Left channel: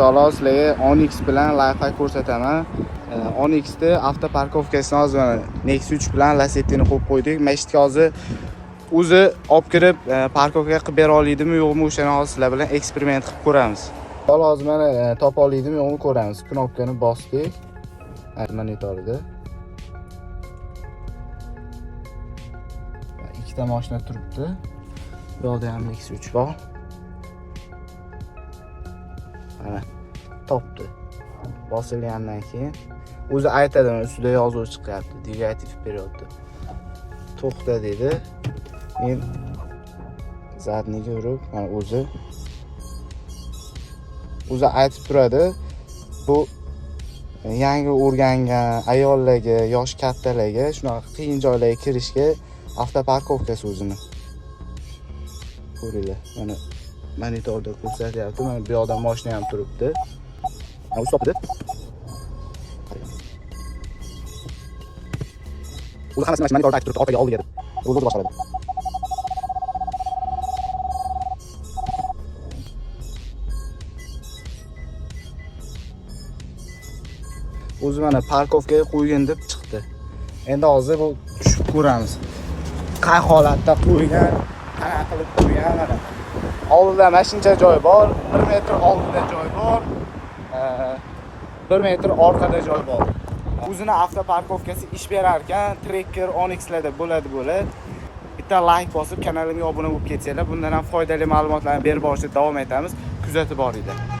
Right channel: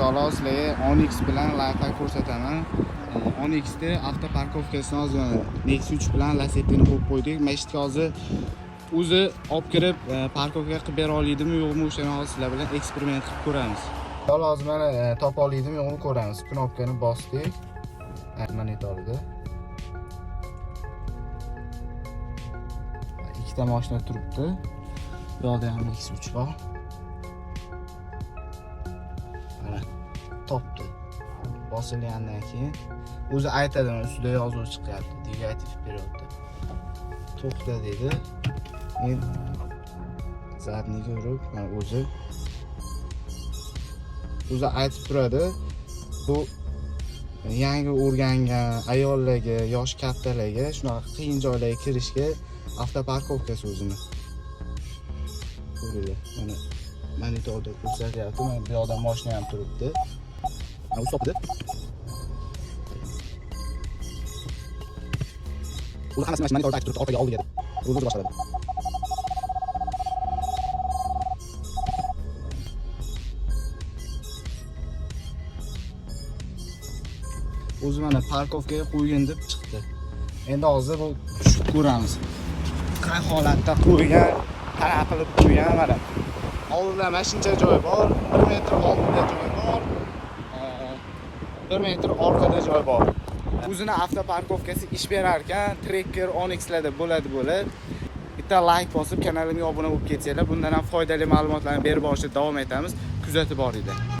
Xolos, sizlarga Onyx bilan lifehack ko'rsataman. Onyxda avtoparkovkasini hozir Nexus 3 bilan Lacetti'ni qo'yib qo'ydik. Mashitga hozir o'zi olib kirib parkovka qilib bera oladimi yo'qmi, o'shani hozir sizlar bilan eksperiment qilib ko'ramiz. Hozir mana topa oladimi yo'qmi ko'ramiz. Knopkani bosdik. Monitorda ikkita mashina turibdi. Bu yerda ham Nexus 3 bor. Mana topdi. Bosilgandan keyin o'zi aytadi, ustida yozuv chiqyapti. Dvigatel periodda. To'xta dedi. Men zadniga urib, mana o'zi aytib turadi. Bu yangi o'rgangan ayollarga, yosh kattalarga, shunaqa qiyin joylarga kirishga avtoparkovkasi o'zini. Ko'ringlar, mana monitorda ko'rsatyapti. Mana bu yoqda mashina ham turibdi. Mana o'zi topdi. O'zi hammasi monitorda aytib turibdi, orqaga oldi dedi. O'zi boshqaradi. O'zi mana parkovkaga qo'ygan deb chiqdi. Endi hozir bu tushib ko'ramiz. Qay holatda qo'ygan, qanaqa qilib qo'ygan mana. Oldida mashincha joy bor, 1 metr oldida joy bor, 1 metr orqada joy bor. O'zini avtoparkovkasi ish berar ekan, Tracker Onyxlarda bo'ladi. Bitta like bosib, kanalimga obuna bo'lib ketsanglar, bundan ham foydali ma'lumotlarni berib borishda davom etamiz. Kuzatib boringlar.